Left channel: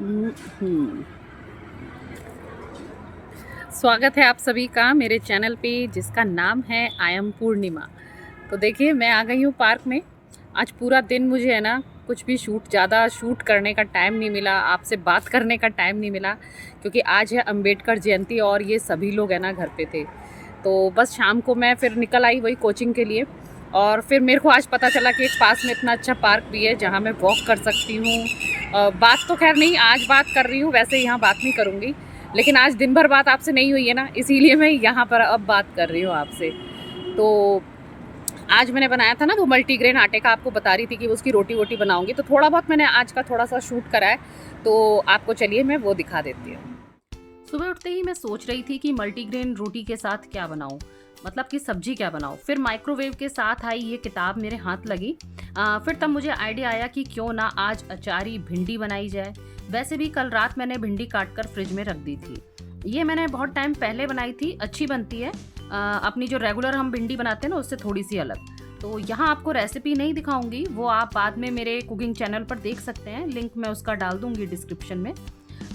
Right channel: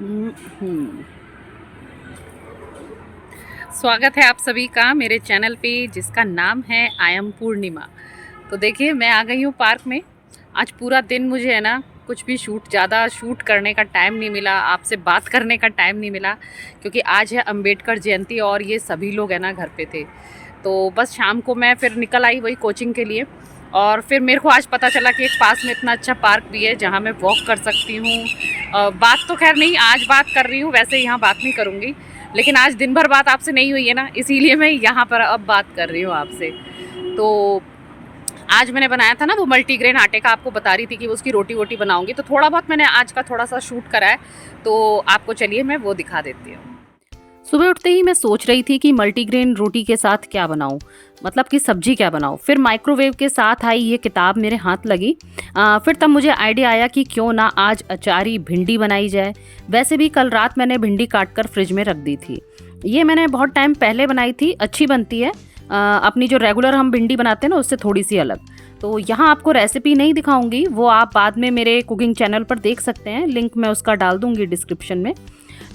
हम्म। स्वागत है आप सभी का मेरे चैनल पे जिसका नाम है आई एम पूर्णिमा। तो देखिए मैं आ गई हूँ पार्क में। आज पूरा दिन मुझे है ना कुछ भी ज़्यादा शूट करने का टाइम नहीं मिला, आपसे बात करने का टाइम नहीं मिला, क्योंकि आज है अंबेडकर जयंती और ये सभी लोग है ना घर पे थे। तो बस शाम को मैं फिर निकल आई वही कोचिंग के लिए। और फिर मेरे को आज पता चला कि एक पास में इतना अच्छा पार्क भी है जहाँ मैं वॉक कर सकती हूँ। बात तो खैर नहीं आज बात कर रही हूँ, वैसे यहाँ बात नहीं करूँगी, लेकिन आज दिन भर बात आपसे नहीं हुई है ना, इसीलिए मैं यहाँ पर अब बात कर रही हूँ आपसे। तो आज मैंने बनाया था ना वो मल्टीग्रेन आटे का, आपको बता रही थी कि उसकी रोटी वोटी बनाऊंगी, तो थोड़ा बहुत मैंने आज का थोड़ा सा शूट करा है, तो आपको चलिए मैं वो दिखा देती हूँ। सुबह उठते ही मैं सोच रही थी कि मल्टीग्रेन रोटी के साथ क्या बनाऊं, मतलब कि सब्जी क्या बनाऊं। फिर माइक्रोवेव के साथ आई ये किताब मेरे हाथ लगी। फिर तब मुझे आइडिया आया कि क्यों ना आज अचारी भिंडी बनाई जाए। वैसे भी कल रात मैंने भिंडी काट कर फ्रिज में रख दी थी। ये मैंने बहुत टाइम पहले बनाई थी, अच्छी बनती है। अपनी जो रेगुलर हम भिंडी बनाते हैं ना उससे थोड़ी सी अलग। तो यहाँ आपको रेसिपी नहीं दिखाऊंगी, वो आप बाद में मेरे कुकिंग चैनल पर देख सकते हैं, लिंक मैं उसका डाल दूंगी डिस्क्रिप्शन में।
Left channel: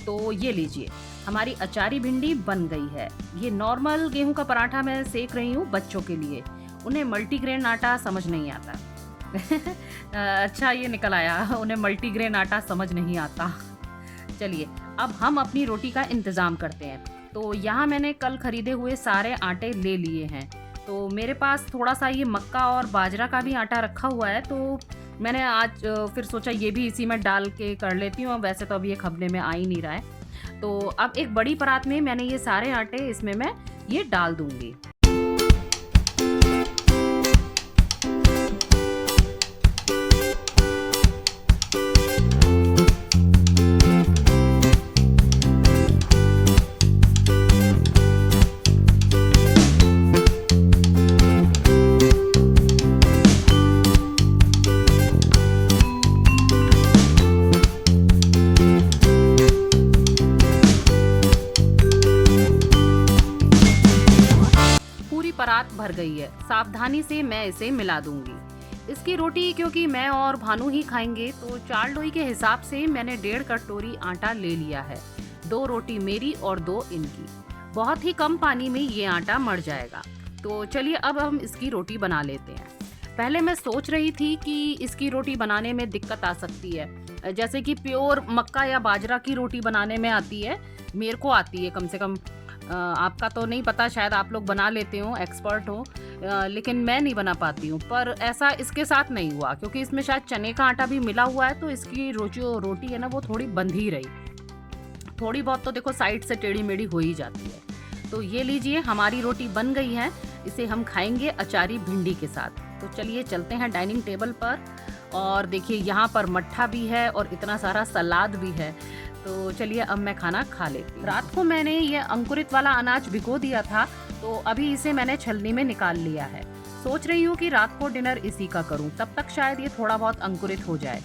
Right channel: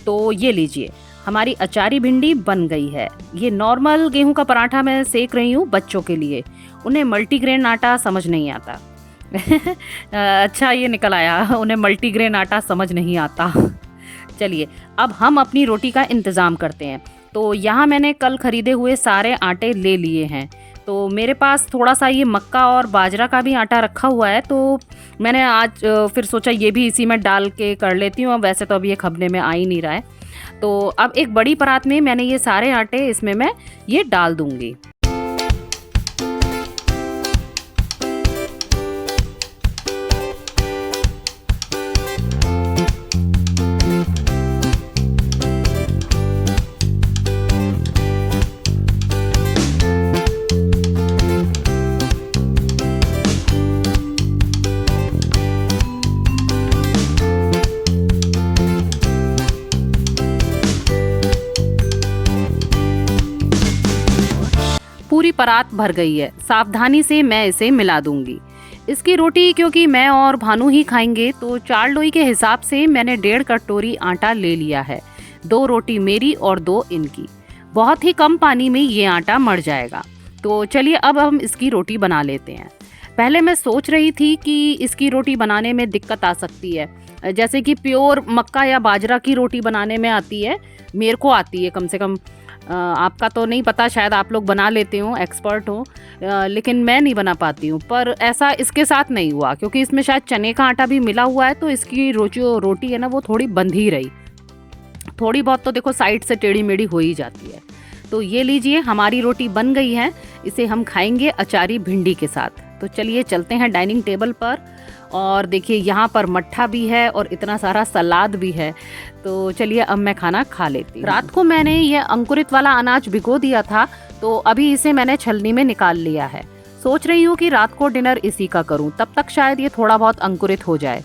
तो ये लीजिए, हमारी अचारी भिंडी बन गई है। ये नॉर्मल गेहूं का पराठा मैं सेक रही हूँ बच्चों के लिए, उन्हें मल्टीग्रेन आटा समझ नहीं आता। अच्छा ये निकल आया, उन्हें मल्टीग्रेन आटा समझ नहीं आता। चलिए अब हम अपनी रोटी का इंतज़ाम करते हैं। तो यहाँ मैंने कल खरीदे हुए सारे आटे ले लिए हैं। तो मेरे पास थोड़ा सा ये मक्का और बाजरा का भी आटा रखा हुआ है, तो मैंने आज फिर सोचा ये भी इसी में डाल के कर लेती हूँ। वैसे तो अब ये खबने में आ ही नहीं रहा है। तो अब एक बड़ी परात में मैंने ये सारे आटे, इसमें मैं ये डाल दूंगी। पूरी परात भर गई है, सावधानी से मैं इसे मिला दूंगी। इसकी रोटी क्योंकि मैं और भानु ही खाएंगे, तो 4 लोई के हिसाब से मैंने 1.5 कटोरी आटा ले लिया है। 2 रोटी मेरी और 2 इनकी। बहुत ही कम पानी में ये आटा मर जाएगा। तो चलिए अब हम इसकी रोटी बना लेते हैं। पहले मैं सोच रही थी कि इसकी रोटी बनाने में दिक्कत आ सकती है, जैसे कि प्योर मक्का या बाजरा की रोटी बनाने में आती है, मेरे को आती है कम से कम। आपका तो नहीं पता, शायद आप लोग बना लेते हो, एक्सपर्ट हो, लेकिन मैं नहीं बना पाती हूँ। पर ऐसा इसके साथ नहीं हुआ, क्योंकि इसमें शायद चने का आटा भी मिला हुआ है, तो इसकी जो रोटी है ना वो थोड़ी बंध ही रही। थोड़ी बहुत तो देखो साइड से टेढ़ी मेढ़ी हो ही जाती है। तो ये लीजिए, हमारी रोटी बन गई है। इसे हम खाएंगे अचारी भिंडी के साथ। तो चलिए चलते हैं डाइनिंग टेबल पर। और देखिए यहाँ पर मट्ठा भी है और इतना सारा सलाद भी है। तो चलिए अब मैं खाना खा लेती हूँ। रात को मैंने ये अंकुरित वाला अनाज भिगो दिया था, तो अभी इसे मैंने छलनी में निकाल लिया है। सोच रही हूँ कि रात को डिनर इसी का करूँ, तब तक शायद ये थोड़ा बहुत अंकुरित हो जाए।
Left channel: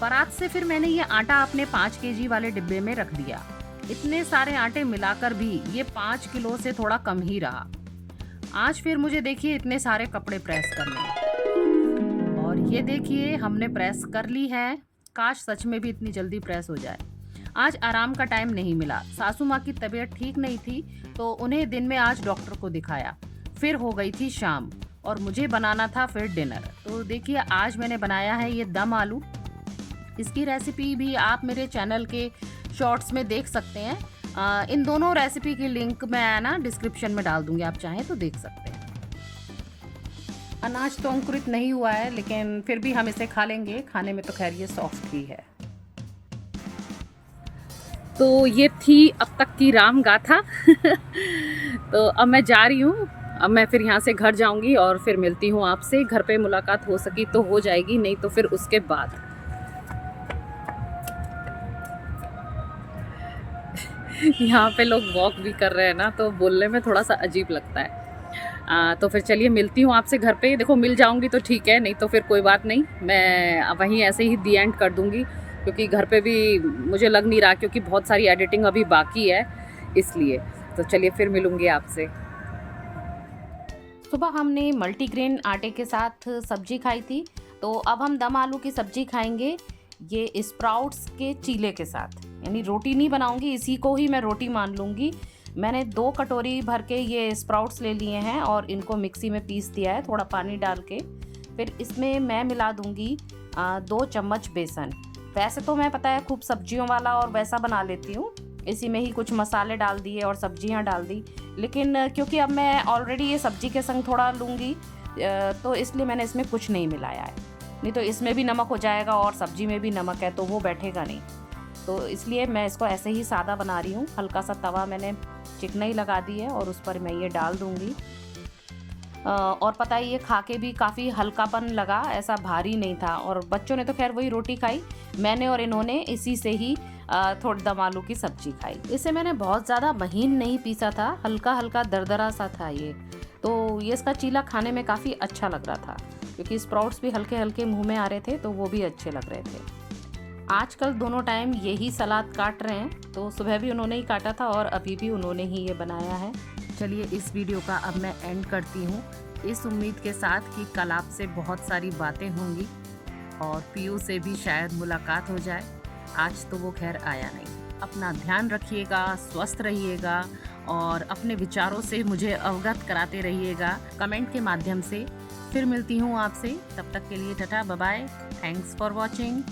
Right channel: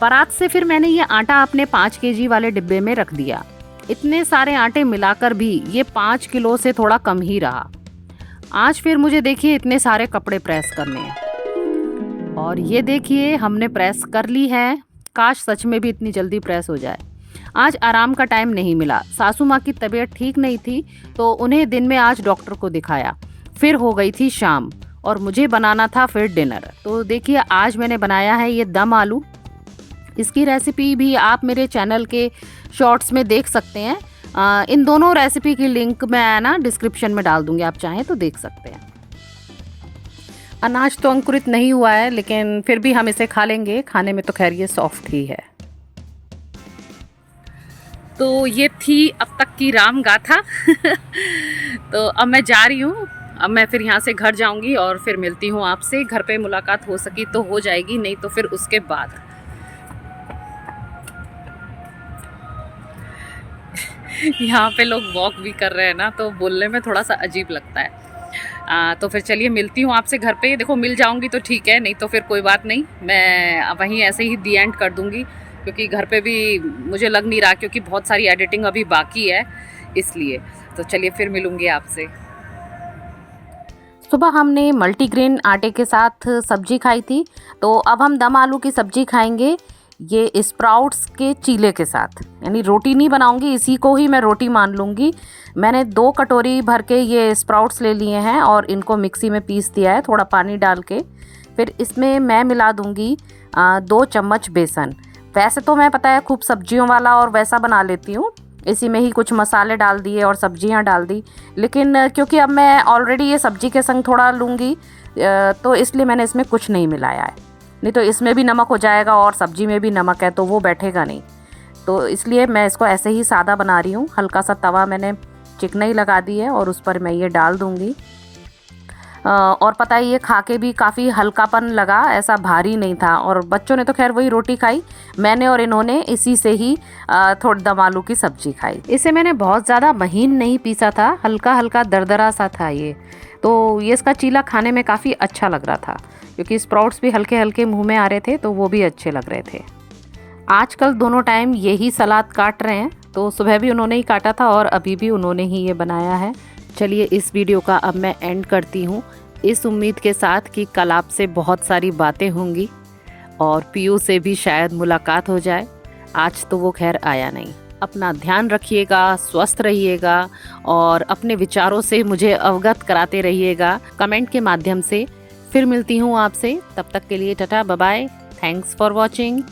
परात से फिर मैंने ये आटा अपने 5 केजी वाले डिब्बे में रख दिया। इतने सारे आटे मिलाकर भी ये 5 किलो से थोड़ा कम ही रहा। आज फिर मुझे देखिए इतने सारे कपड़े प्रेस करने हैं। और ये देखिए हमने प्रेस कर ली है। काश सच में भी इतनी जल्दी प्रेस हो जाए। आज आराम का टाइम नहीं मिला, सासू माँ की तबीयत ठीक नहीं थी, तो उन्हें दिन में आज डॉक्टर को दिखाया। फिर हो गई थी शाम और मुझे बनाना था फिर डिनर। तो देखिए आज मैंने बनाया है ये दम आलू। इसकी रेसिपी भी आप मेरे चैनल के शॉर्ट्स में देख सकते हैं। इन दोनों रेसिपी की लिंक मैं ना डिस्क्रिप्शन में डाल दूंगी, आप चाहें तो देख सकते हैं। अनाज तो अंकुरित नहीं हुआ है, लेकिन फिर भी हम इसे खा लेंगे। खाने में तो खैर ये सॉफ्ट ही है। तो ये थी अब तक की राम गाथा। तो अब मैं जा रही हूँ। अब मैं फिर यहाँ से घर जाऊँगी और फिर मिलती हूँ आपसे। घर पे मुलाकात हो सकी तो हो जाएगी, नहीं तो फिर उसके बाद। यहाँ पे लोग वॉक भी कर रहे हैं ना, तो बोलने में थोड़ा सा अजीब लगता है। तो फिर चलिए मिलती हूँ आपसे घर पे। देखो मिल जाऊँगी तो ठीक है, नहीं तो फिर कोई बात नहीं, मैं वहीं ऐसे ही दी एंड कर दूँगी, क्योंकि घर पे भी मुझे लग नहीं रहा, क्योंकि बहुत सारी एडिटिंग अभी बाकी है इसलिए। तो चलिए फिर मिलूँगी आपसे। सुबह हमने मल्टीग्रेन आटे के साथ सब्जी खाई थी, तो अब हम दम आलू की सब्जी खाएंगे। ये स्प्राउट्स के चीले के साथ, यानी रोटी नहीं बनाऊंगी, इसी को ही मैं रोटी मान लूँगी। मैंने 2 कटोरी भर के ये स्प्राउट्स ले लिए हैं और इनको मिक्सी में पीस दिया है थोड़ा पानी डाल के। फिर इसमें मैं मिला दूँगी 2 चम्मच बेसन। वैसे तो मैं पता है खूब सब्जियों वाला और वैसा बना लेती हूँ, इसी में ही कुछ मसाले डाल दिए और सब्जियाँ डाल दी, लेकिन क्योंकि अब मैं ऑलरेडी ये सब्जी के संग थोड़ा लूँगी तो इसलिए मैंने इसमें कुछ नहीं मिलाया है। नहीं तो इसमें भी नमक हो जाएगा और सब्जी में भी नमक है तो वो बैठेगा नहीं, तो इसलिए मैं इसको ऐसे ही सादा बना रही हूँ। हल्का सा तवा मैंने चिकनाई लगा दी है और उस पर मैं ये डाल दूँगी। और पता है ये खा के भी काफ़ी हल्कापन लगा, ऐसा भारी नहीं था। और बच्चों ने तो खैर वही रोटी खाई, मैंने और इन्होंने इसी से ही थोड़ी दम आलू की सब्जी खाई। इसे मैंने बहुत ज़्यादा महीन नहीं पीसा था, हल्का हल्का दरदरा सा था ये, तो ये इसका चीला खाने में काफ़ी अच्छा लग रहा था, क्योंकि स्प्राउट्स भी हल्के हल्के मुँह में आ रहे थे तो वो भी अच्छे लग रहे थे। आजकल दोनों टाइम यही सलाद काट रहे हैं, तो सुबह भी उन्होंने ही काटा था और अभी भी उन्होंने ही ये बनाया है। चलिए इस वीडियो का अब मैं एंड करती हूँ, इस उम्मीद के साथ कि कल आपसे बहुत सारी बातें होंगी और पीयू से भी शायद मुलाकात हो जाए। आज तो वो खैर आया नहीं। अपना ध्यान रखिएगा, स्वस्थ रहिएगा और अपने विचारों से मुझे अवगत कराते रहिएगा कमेंट के माध्यम से। फिर मिलती हूँ आपसे, तब तक के लिए tata bye bye, thanks for watching.